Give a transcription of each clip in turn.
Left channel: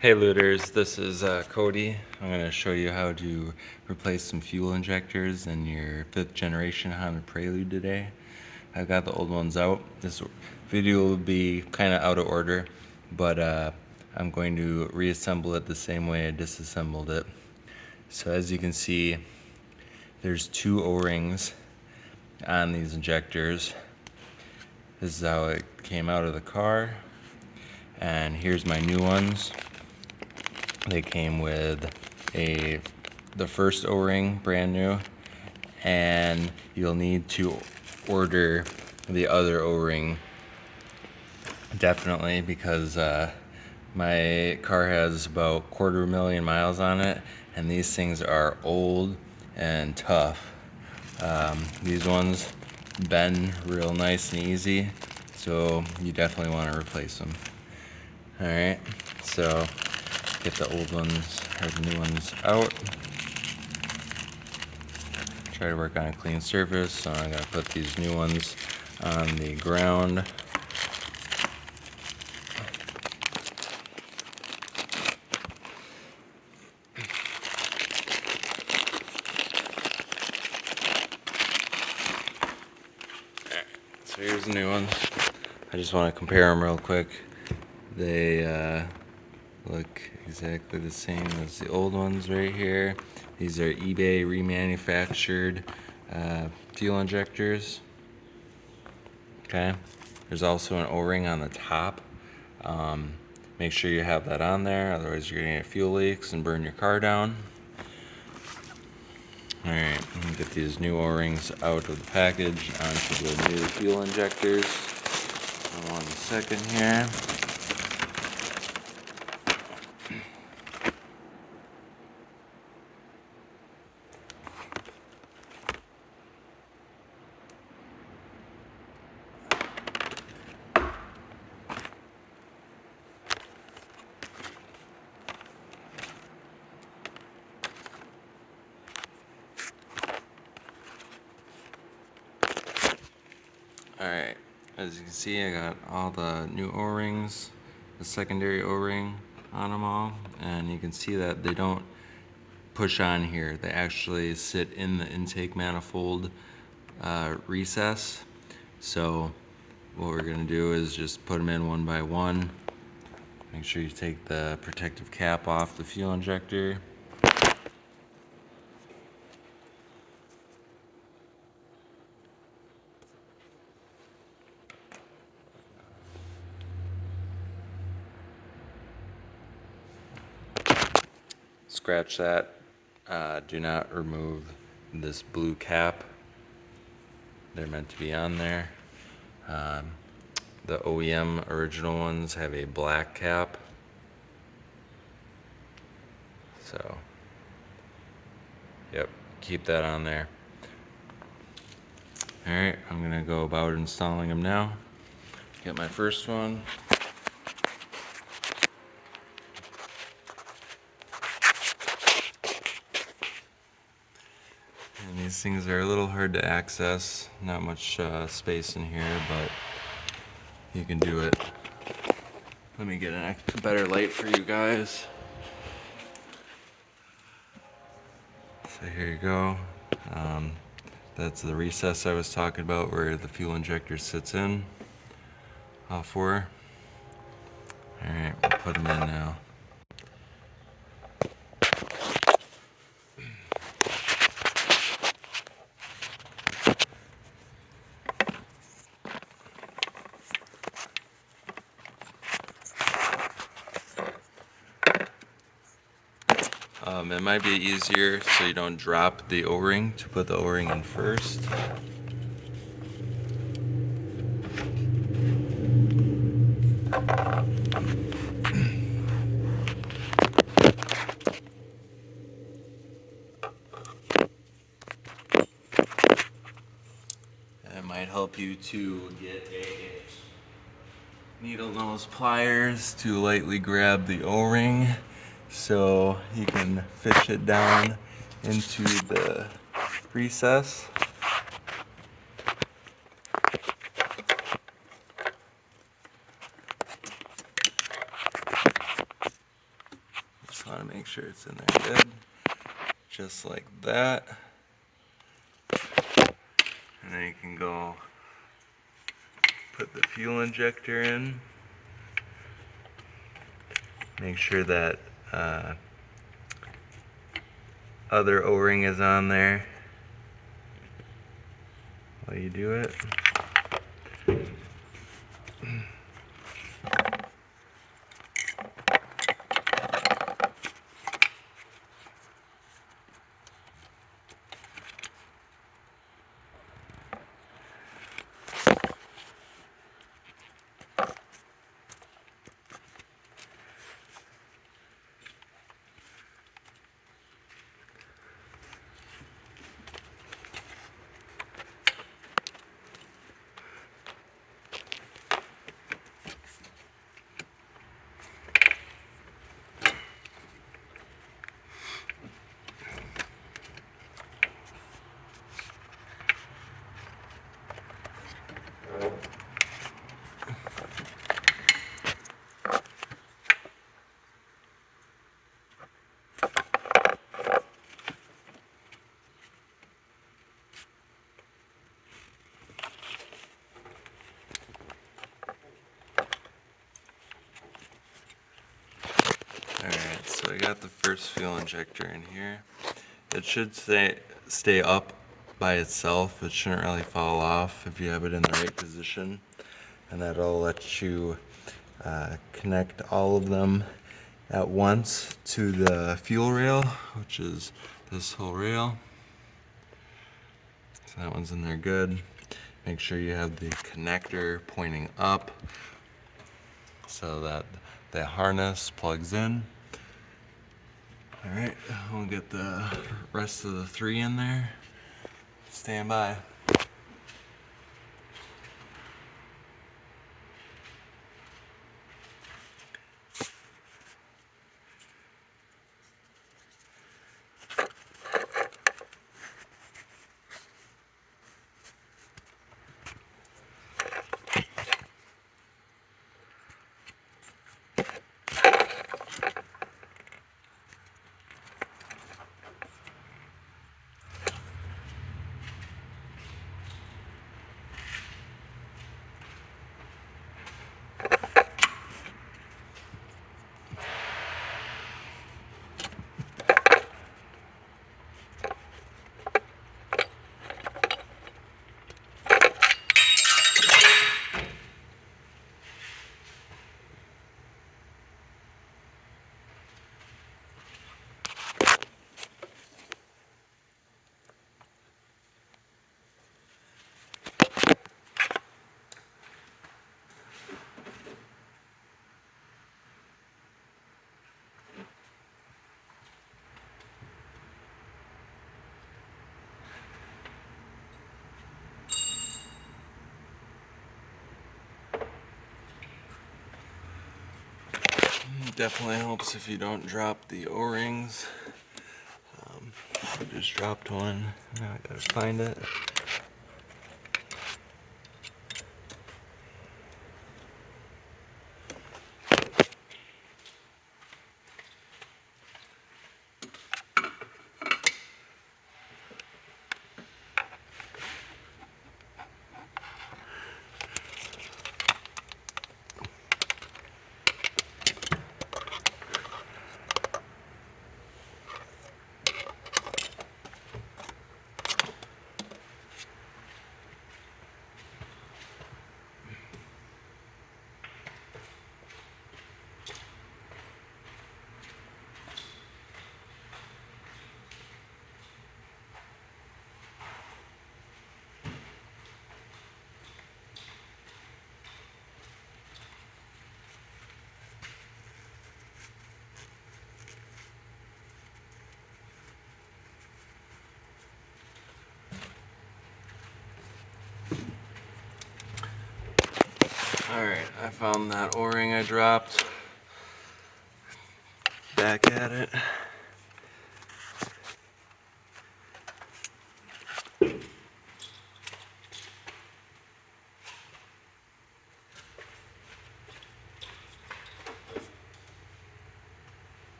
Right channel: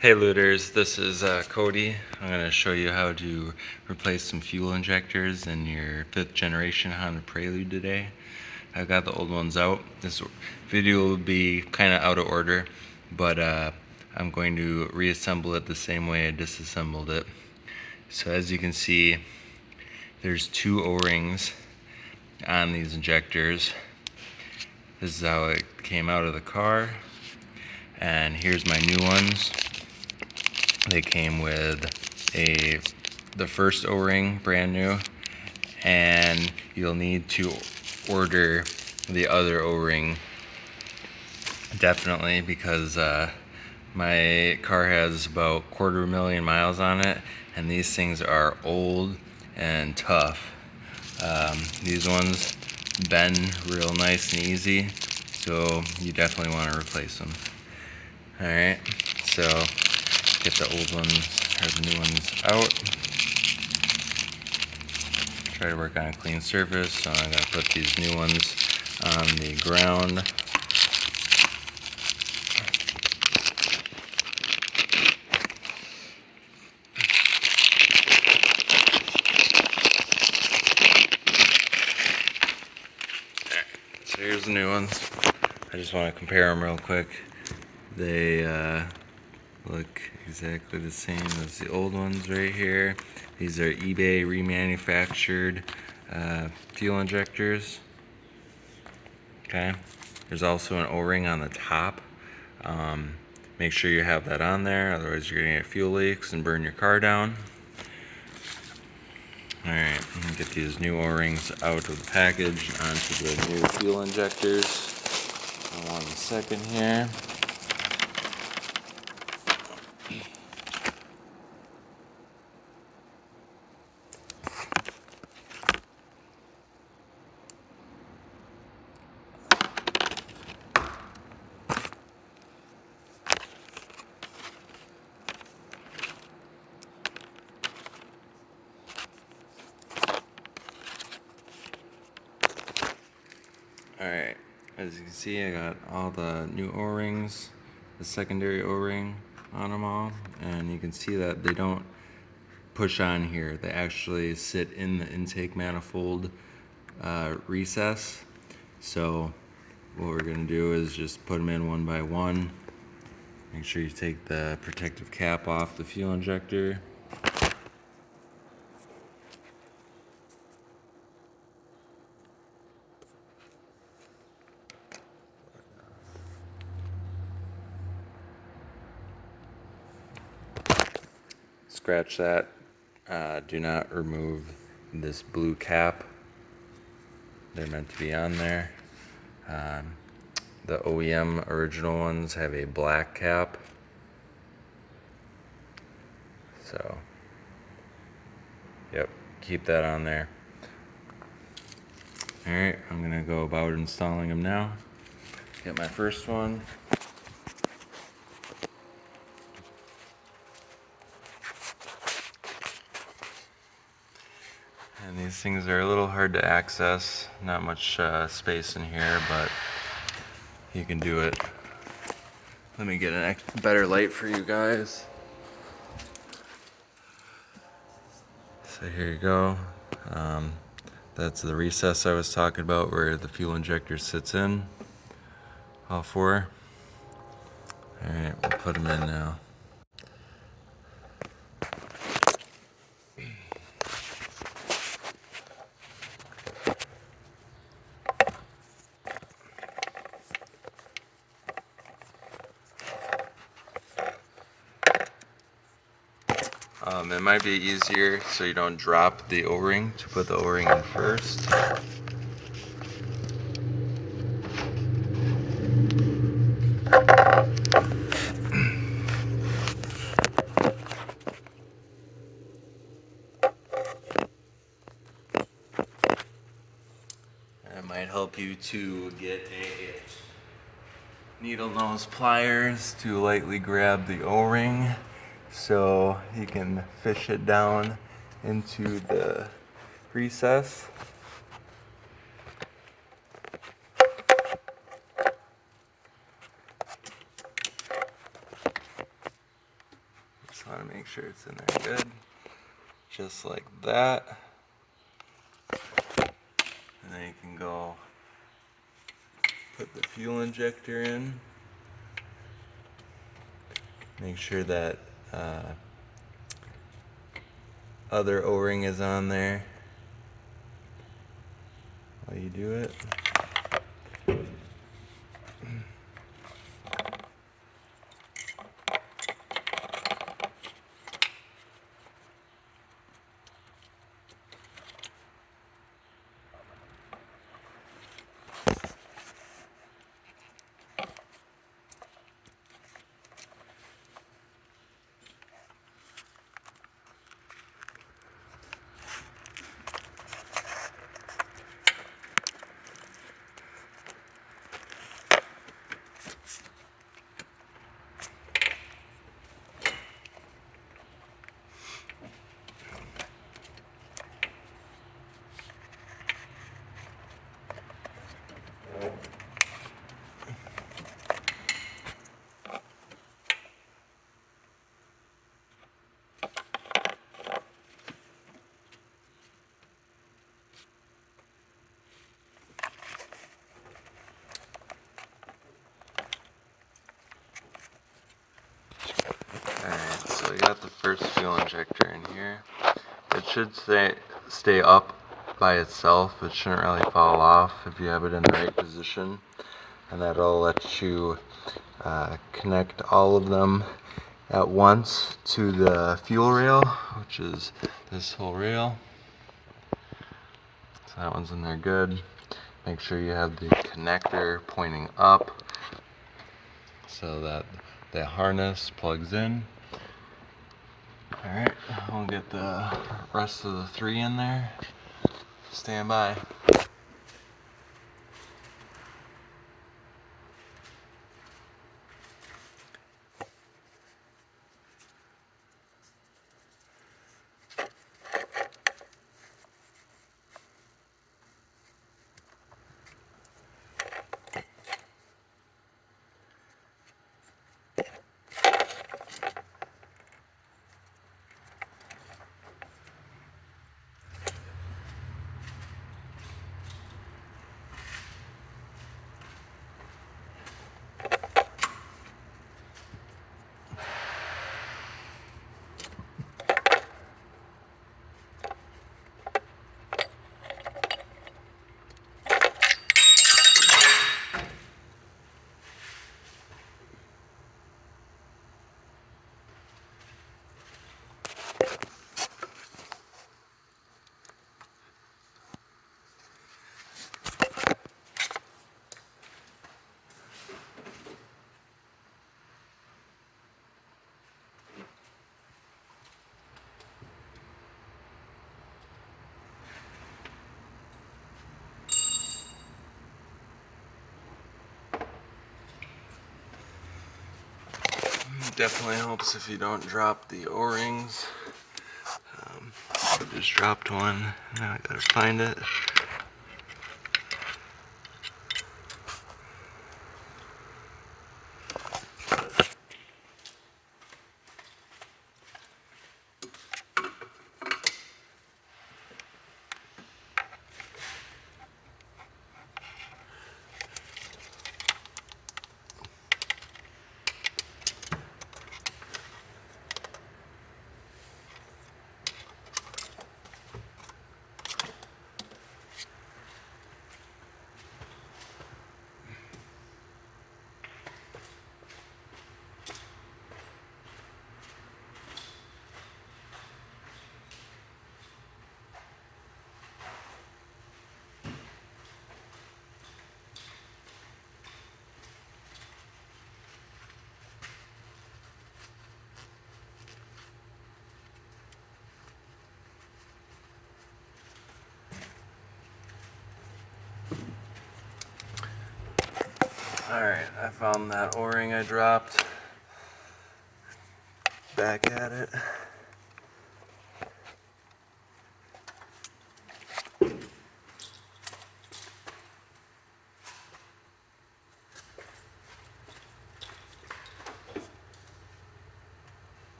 Hey looters, this is Cody. I'm going to show you how to replace some fuel injectors in your 5th generation Honda Prelude today. I've got the old ones out. This video will be kind of out of order, but I'm going to reassemble it the same way I disassembled it. So as you can see, there's 2 O-rings on these injectors. This is how it came out of the car, and here's my new ones. They came with the first O-ring, brand new, and you'll need to order the other O-ring definitely, because my car has about 250,000 miles on it, and these things are old and tough. These ones bend real nice and easy, so you definitely want to replace them. Alright, so get the old ones or the new ones out. Try to work on a clean surface, so I'm gonna put these new ones on the ground. Alright, so here's the new ones. I just want to compare them real quick. They look exactly the same as the old ones right here. These are eBay remanufactured fuel injectors. Okay, there's also an O-ring on the top. Make sure you have that on there, otherwise you're gonna get fuel leaks and burn your car down. Alright, I'm gonna get these new O-rings out of the package onto the new fuel injectors. Hold on a second here. Alright, as you can see, I got all the new O-rings, the secondary O-ring on them all, and you can see that they don't push on here. They actually sit in the intake manifold recess. So what we're going to do is just put them in one by one. Make sure you take the protective cap off the fuel injector. Scratch that. Do not remove this blue cap. They're meant to be on there. The OEM original ones have a black cap. So, yep, keep that on there. Alright, I'm gonna go about installing them now. Get my first one. And these things are a little hard to access. Not much space in here, but you can do it. Let me get a better light for you guys. So here you go. That's the recess I was talking about where the fuel injector sits in. All 4. Alright, we'll put them in now. It might be easier so you don't drop the O-ring to put the O-ring in first. It might help you to get a needle nose pliers to lightly grab the O-ring so you can fish it down into the recess. want to make sure it's in there good. Just like that. And then you can go put the fuel injector in. Make sure that other O-ring is on there while you do it. Alright, so we got the first fuel injector in here. It should stay up by itself. It shouldn't really fall off if you have it in the right position. And that'll let you connect all of them at once to the fuel rail, which is this whole rail. So that one's in there good. Make sure you have the connector pointing up so that the harness plugs in. Alright, we'll get the rest of the 3 in there. Stand by. Definitely helps if you don't drop the O-rings. I just dropped one. Now I gotta find it. Alright, I found that O-ring I dropped. Back at it.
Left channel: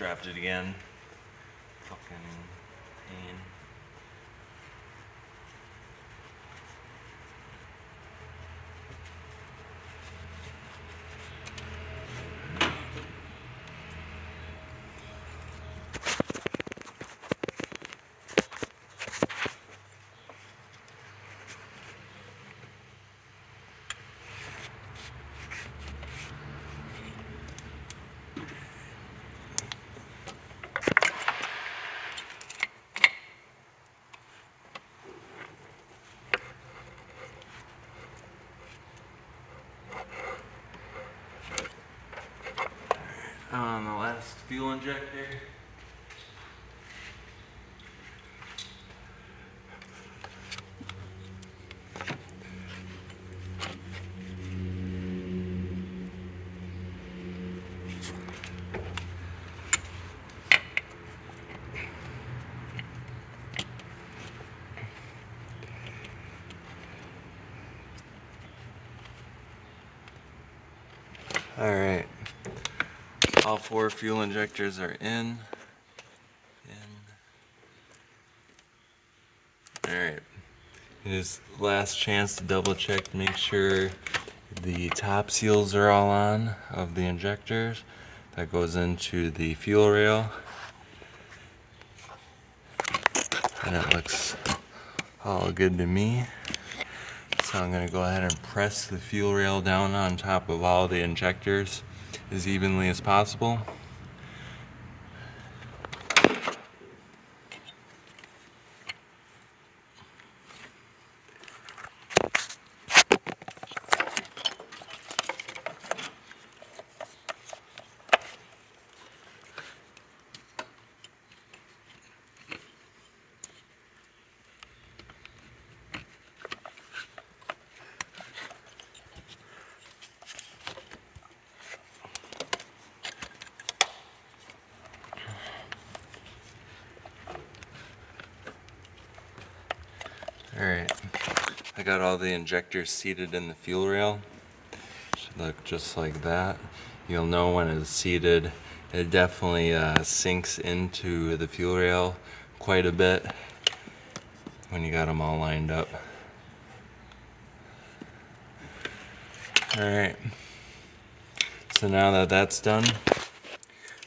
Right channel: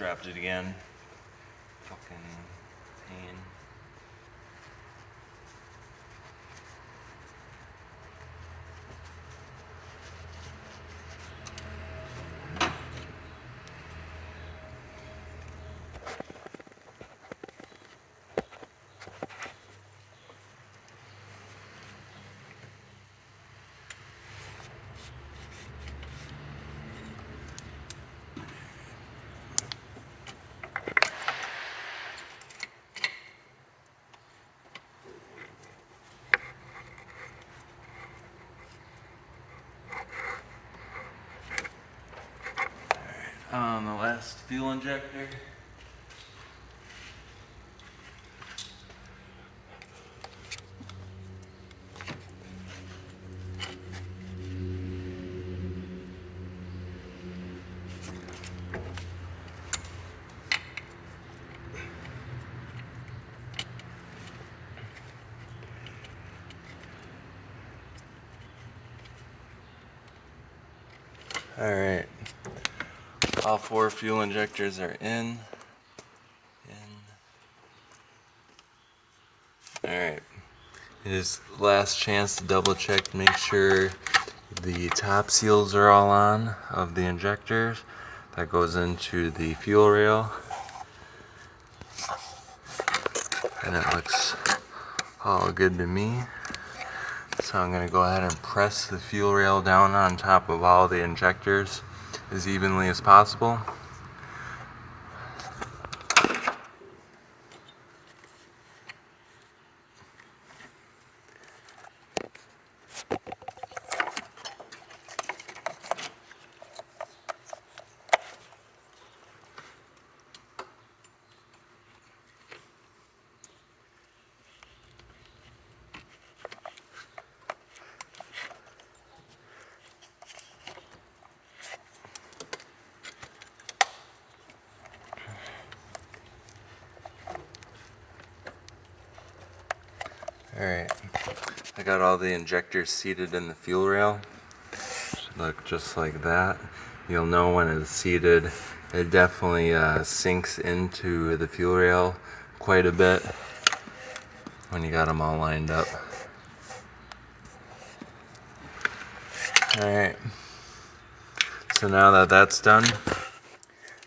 dropped it again. Fucking pain. On the last fuel injector. Alright, all 4 fuel injectors are in. Alright, it is last chance to double check to make sure the top seals are all on of the injectors. That goes into the fuel rail. And it looks all good to me. So I'm going to go ahead and press the fuel rail down on top of all the injectors as evenly as possible. Alright, I got all the injectors seated in the fuel rail. Should look just like that. You'll know when it's seated, it definitely sinks into the fuel rail quite a bit when you got them all lined up. Alright, so now that that's done,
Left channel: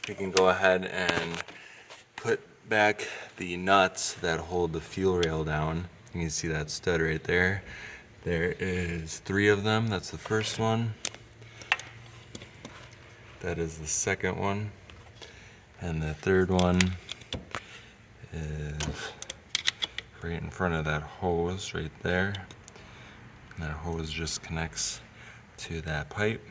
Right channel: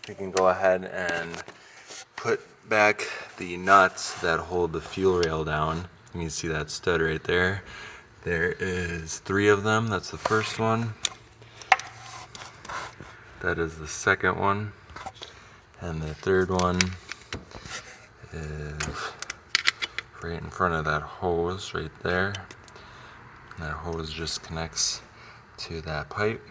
we can go ahead and put back the nuts that hold the fuel rail down. You can see that stud right there. There is 3 of them. That's the first one. That is the second one. And the third one is right in front of that hose right there. And that hose just connects to that pipe.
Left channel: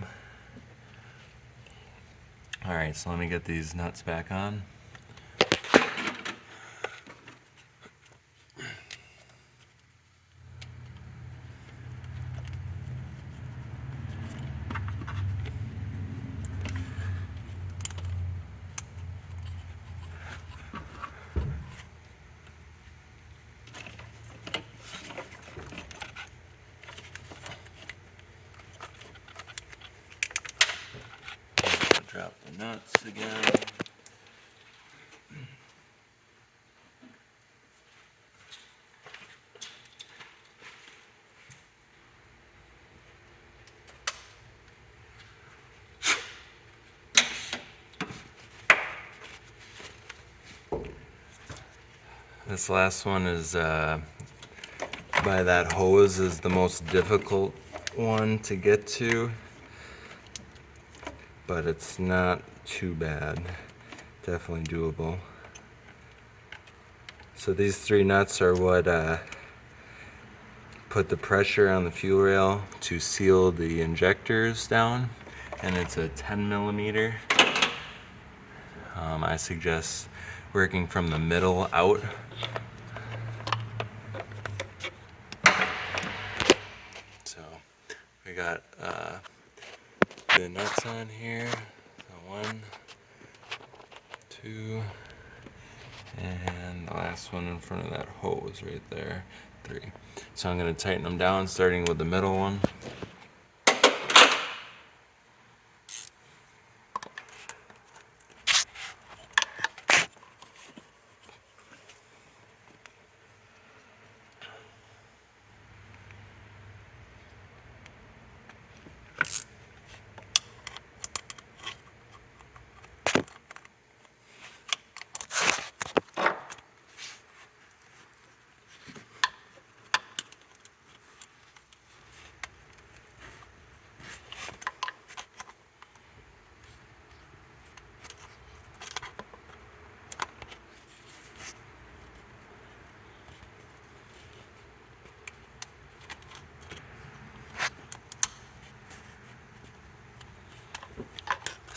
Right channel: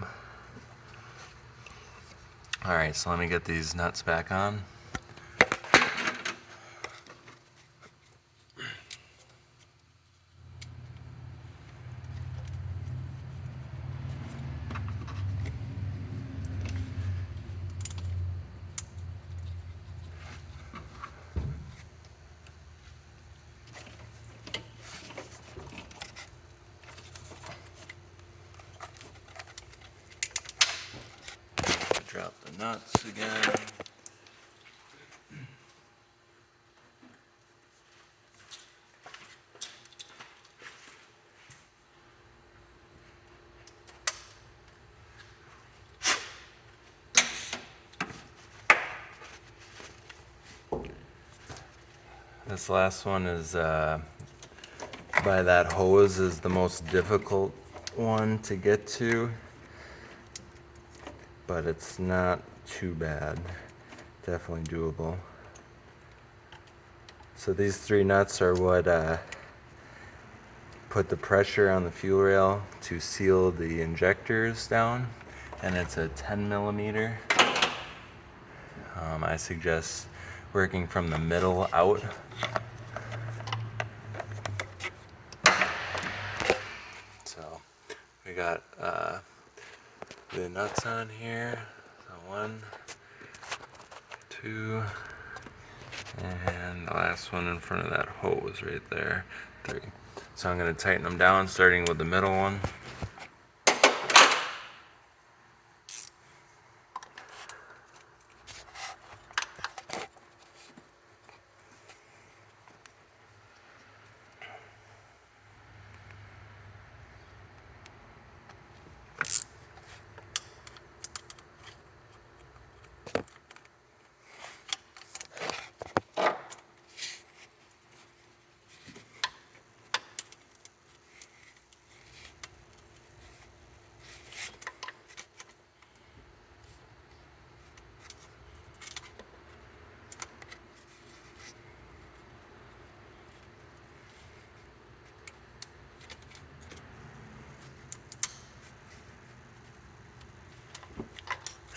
Alright, so let me get these nuts back on. Drop the nuts again. This last one is by that hose is the most difficult one to get to, but it's not too bad. Definitely doable. So these 3 nuts are what put the pressure on the fuel rail to seal the injectors down, and it's a 10 millimeter. I suggest working from the middle out. So we got the nuts on here. So 1, 2, and the last one in front of that hose right there, 3. So I'm going to tighten them down, starting with the middle one.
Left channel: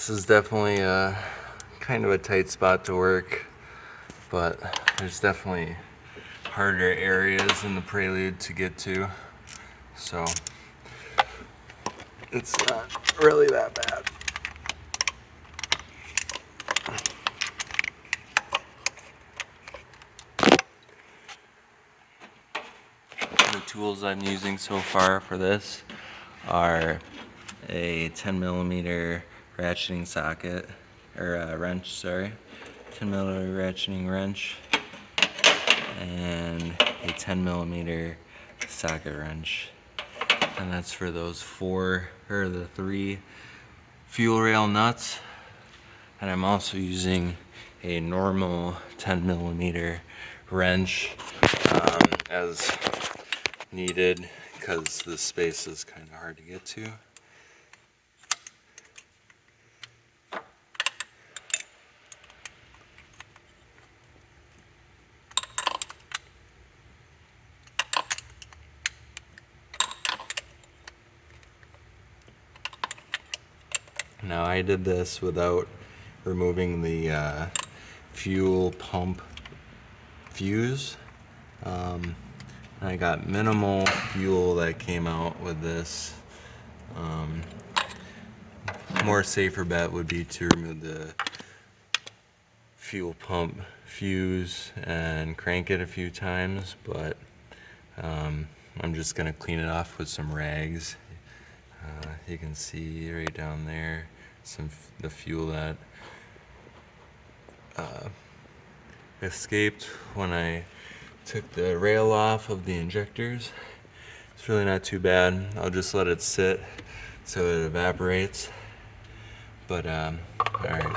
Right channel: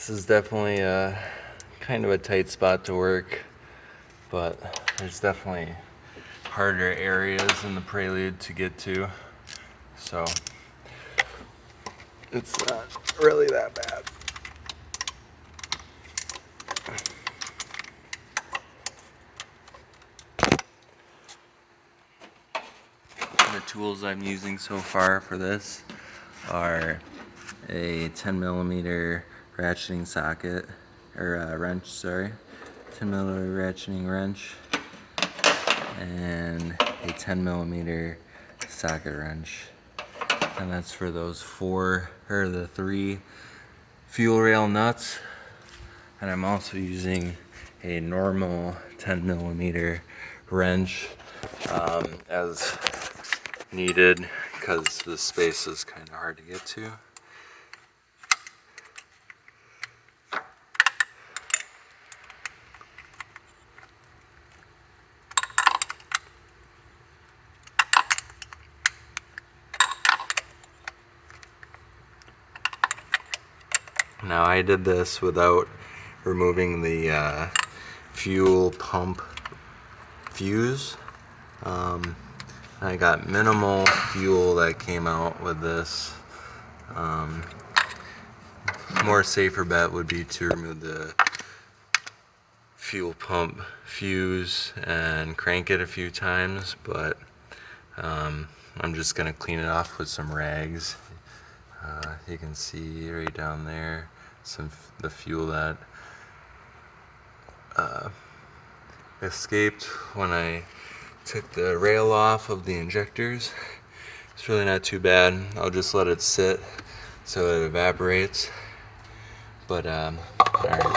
This is definitely a kind of a tight spot to work, but there's definitely harder areas in the Prelude to get to, so it's not really that bad. The tools I'm using so far for this are a 10mm ratcheting socket, or wrench, sorry, 10mm ratcheting wrench, and a 10mm socket wrench. And that's for those the 3 fuel rail nuts. And I'm also using a normal 10mm wrench as needed, because this space is kind of hard to get to. Now I did this without removing the fuel pump fuse. I got minimal fuel that came out with this. More safer bet would be to remove the fuel pump fuse and crank it a few times, but I'm just gonna clean it off with some rags. You can see right down there the fuel that escaped when I took the rail off of the injectors. It's really not too bad. I'll just let it sit so it evaporates. But alright,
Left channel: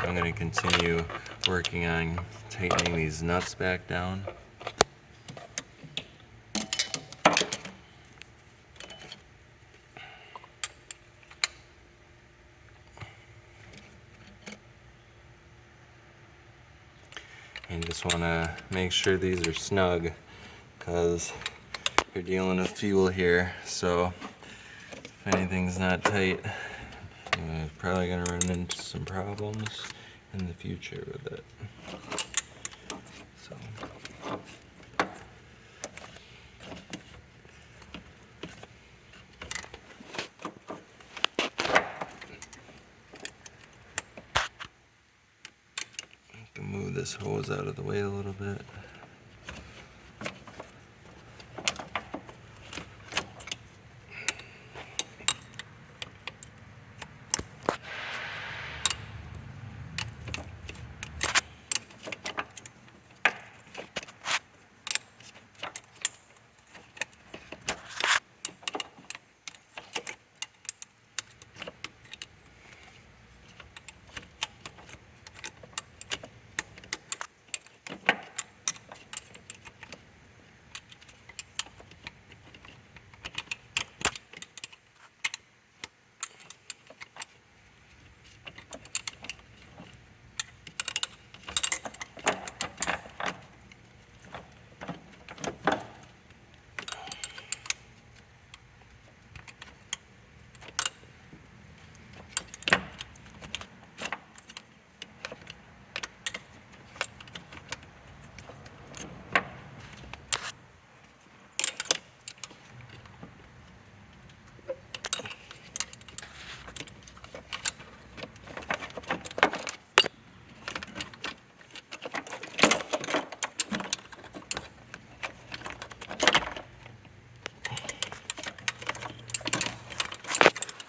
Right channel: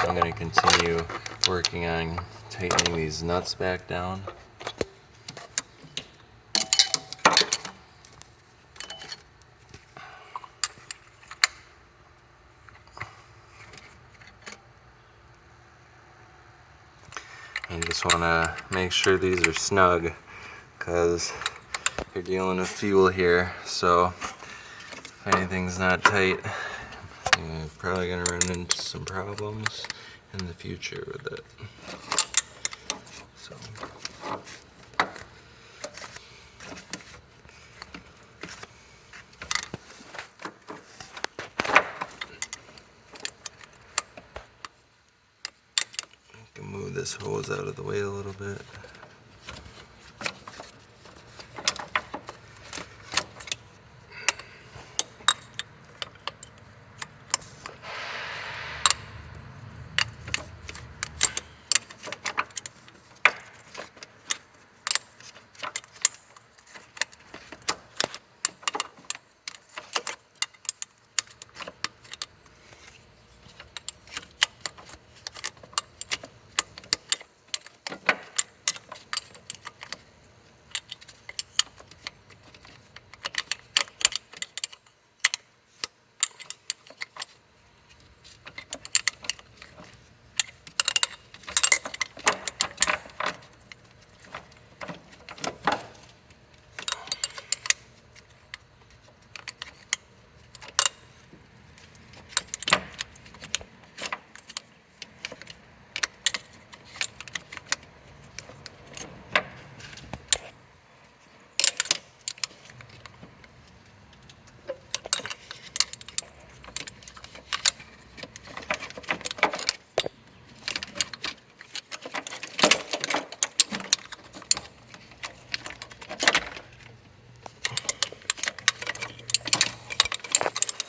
I'm going to continue working on tightening these nuts back down. You just want to make sure these are snug, because you're dealing with fuel here, so if anything's not tight, you're probably going to run into some problems in the future with it. So I can move this hose out of the way a little bit.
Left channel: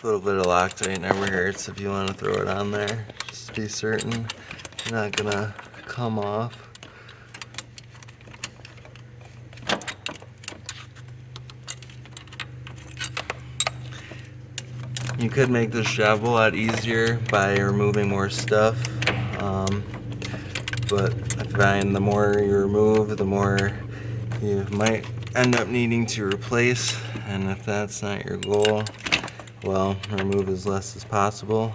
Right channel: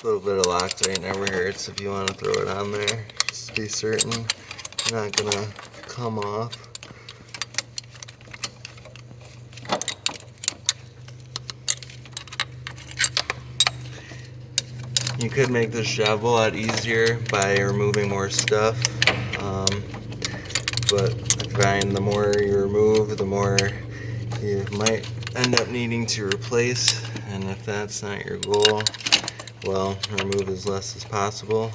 A little bit of Loctite never hurts if you want to throw it on there, just to be certain it's not gonna come off. You could make this job a lot easier by removing more stuff, but I find the more you remove, the more you might end up needing to replace, and if that's not your goal, well, remove as less as possible,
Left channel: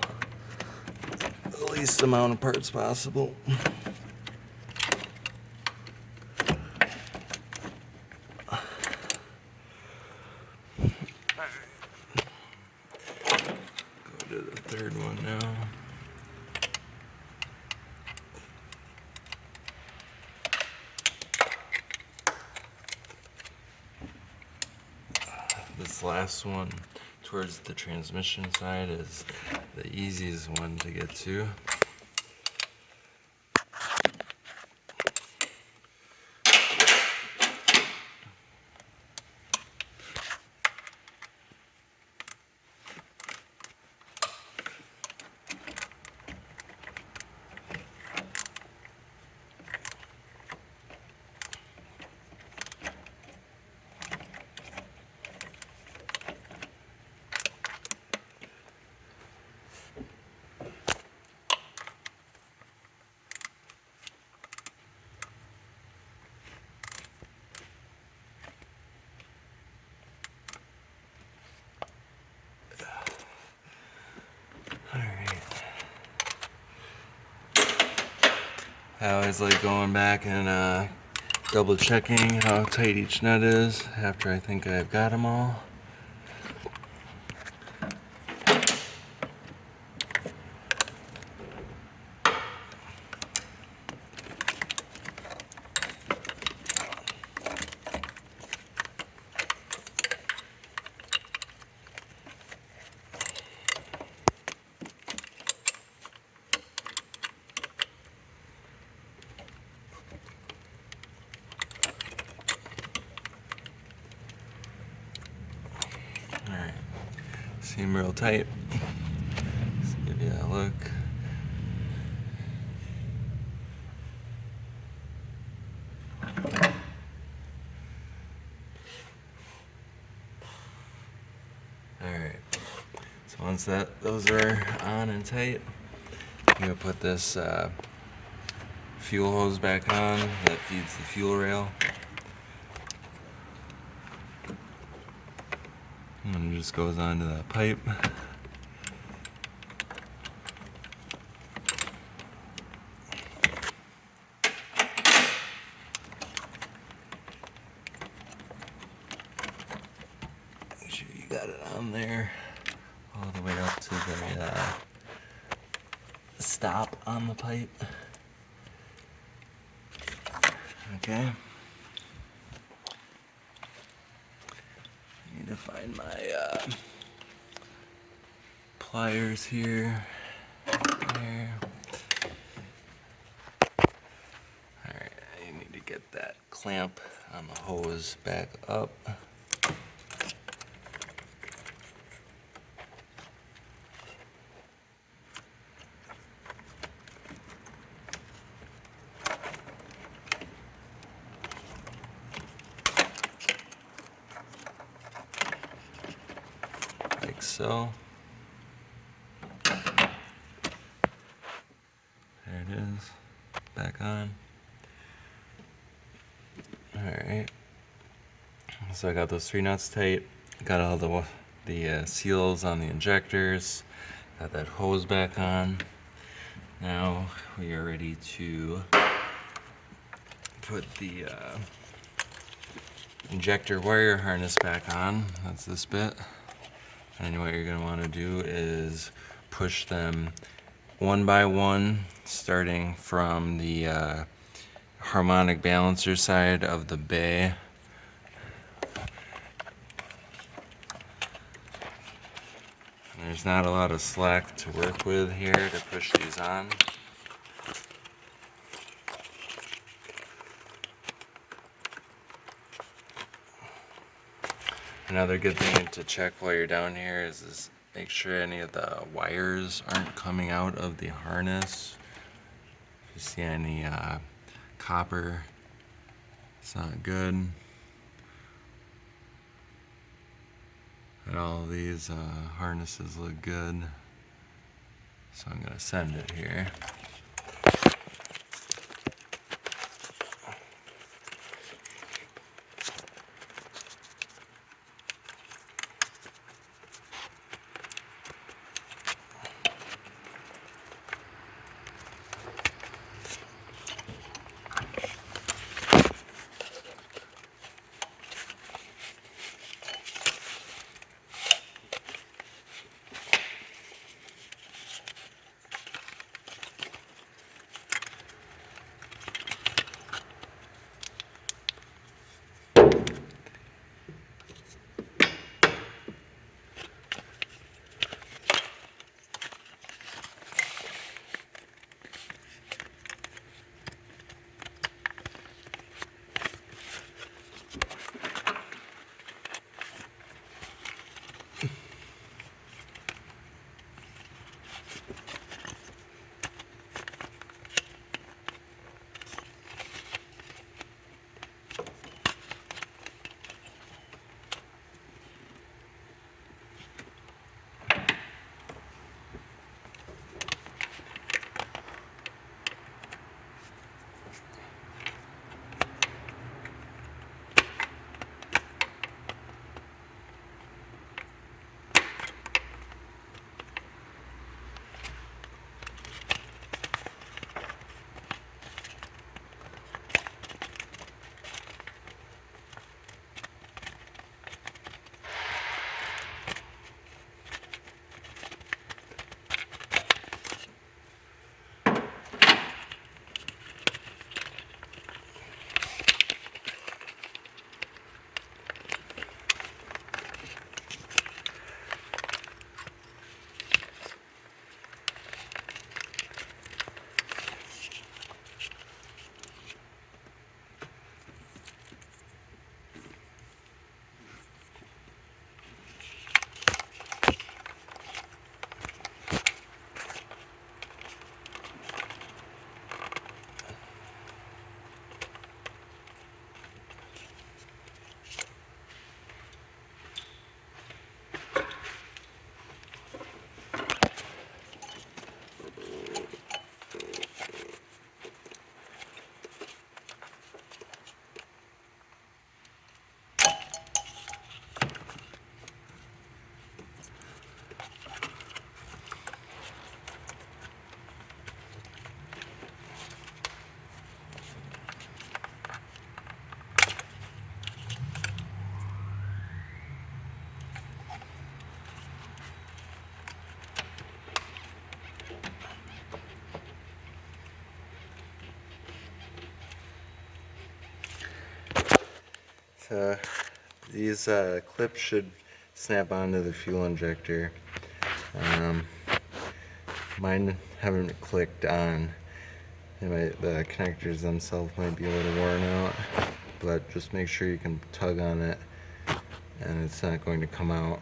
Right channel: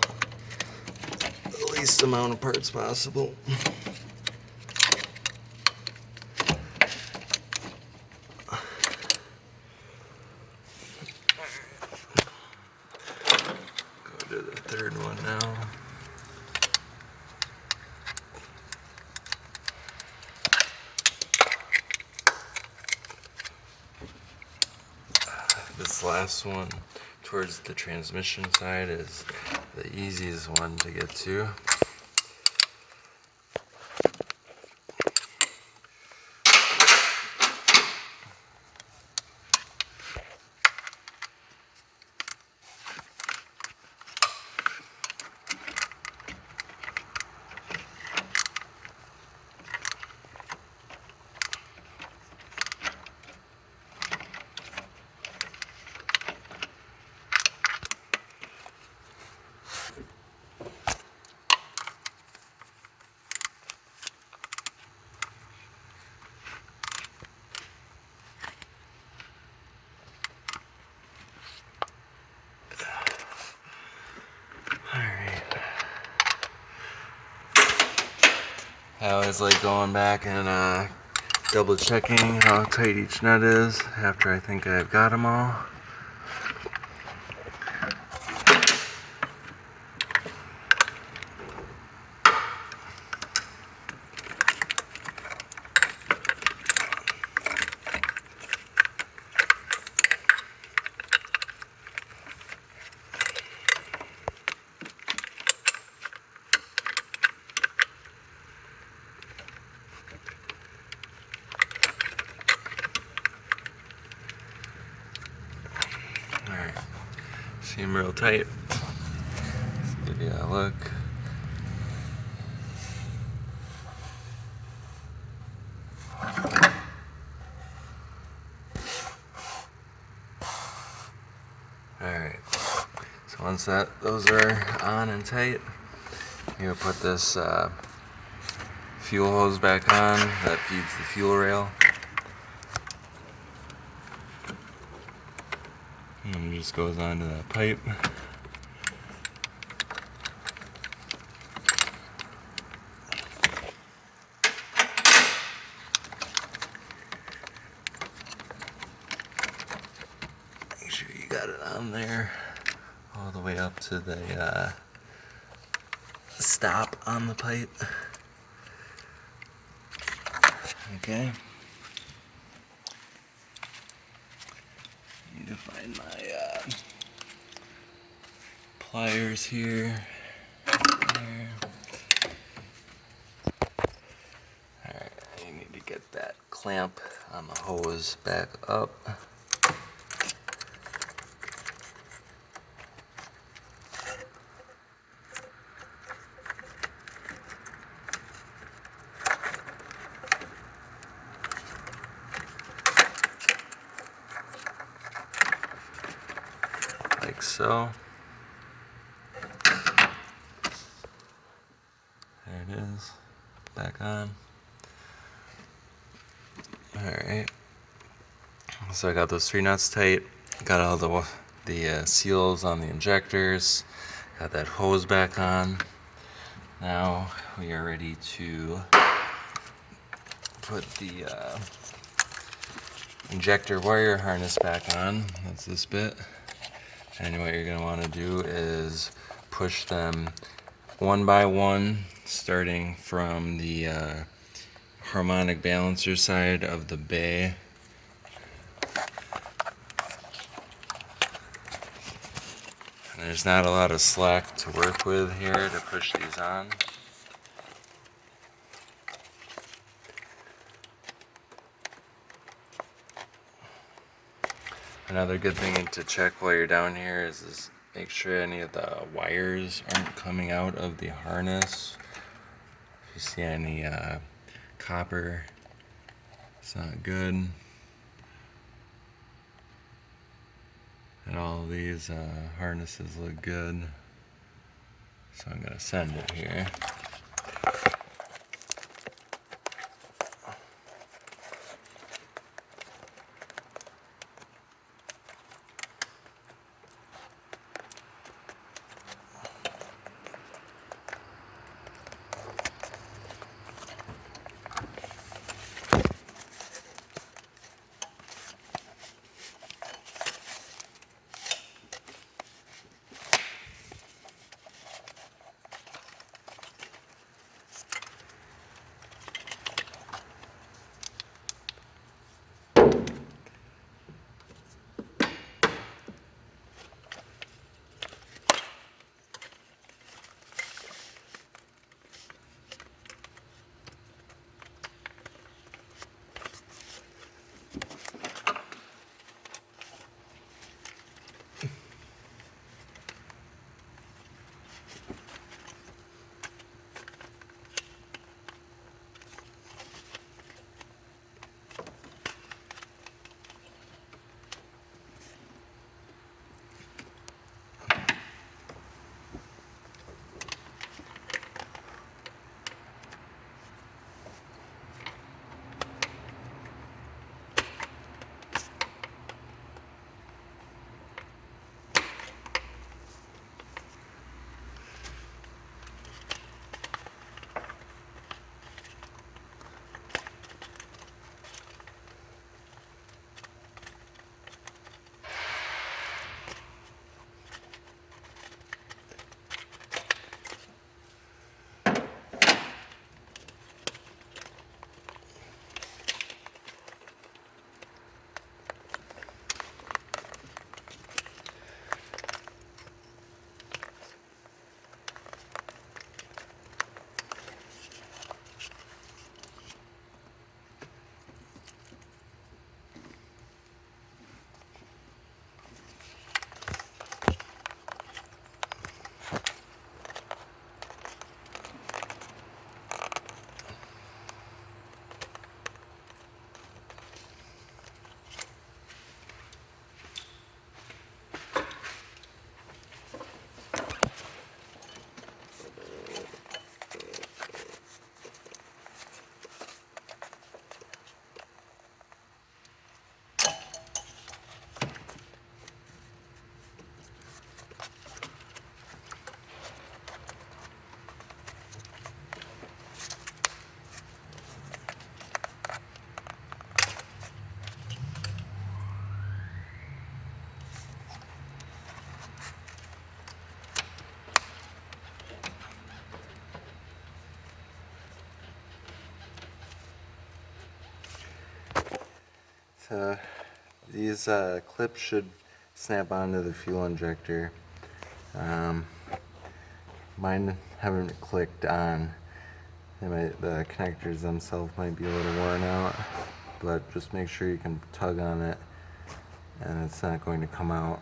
the least amount of parts possible. Go to the third one now. last one towards the transmission side is the easiest one to get to. I always like going back and double checking how tight each nut is after I think I've got them all. Alright, seem real tight. Give you a look. Alright, so once those are on and tight, you're gonna put this fuel hose back on that feeds the fuel rail. And it just goes onto that pipe. Make sure you got it on there all the way up to the stop on the pipe. Okay. Need to find my pliers here. There. Alright, I need to get that clamp on the hose back up. Like so. There it is, back on. Alright, so I got those 3 nuts tight, got all the seals on the injectors, got that hose back on. Now we are ready to put the injector wire harness back on. That's this bit. And what you're going to want to do is push them one by one, starting from the harmonic balancer side of the bay. And there's not a lot of slack to work with here to push these on. Another good thing to check while you're down here is make sure any of the wires aren't coming out of the harness. If you see any copper, it's not good. And all of these harnesses look good. So I'm gonna send it here. These clips should snap onto the fuel injector. Mine haven't clicked on. The connectors themselves might be a little worn out, but just make sure you can tug on it and it's not going to come out.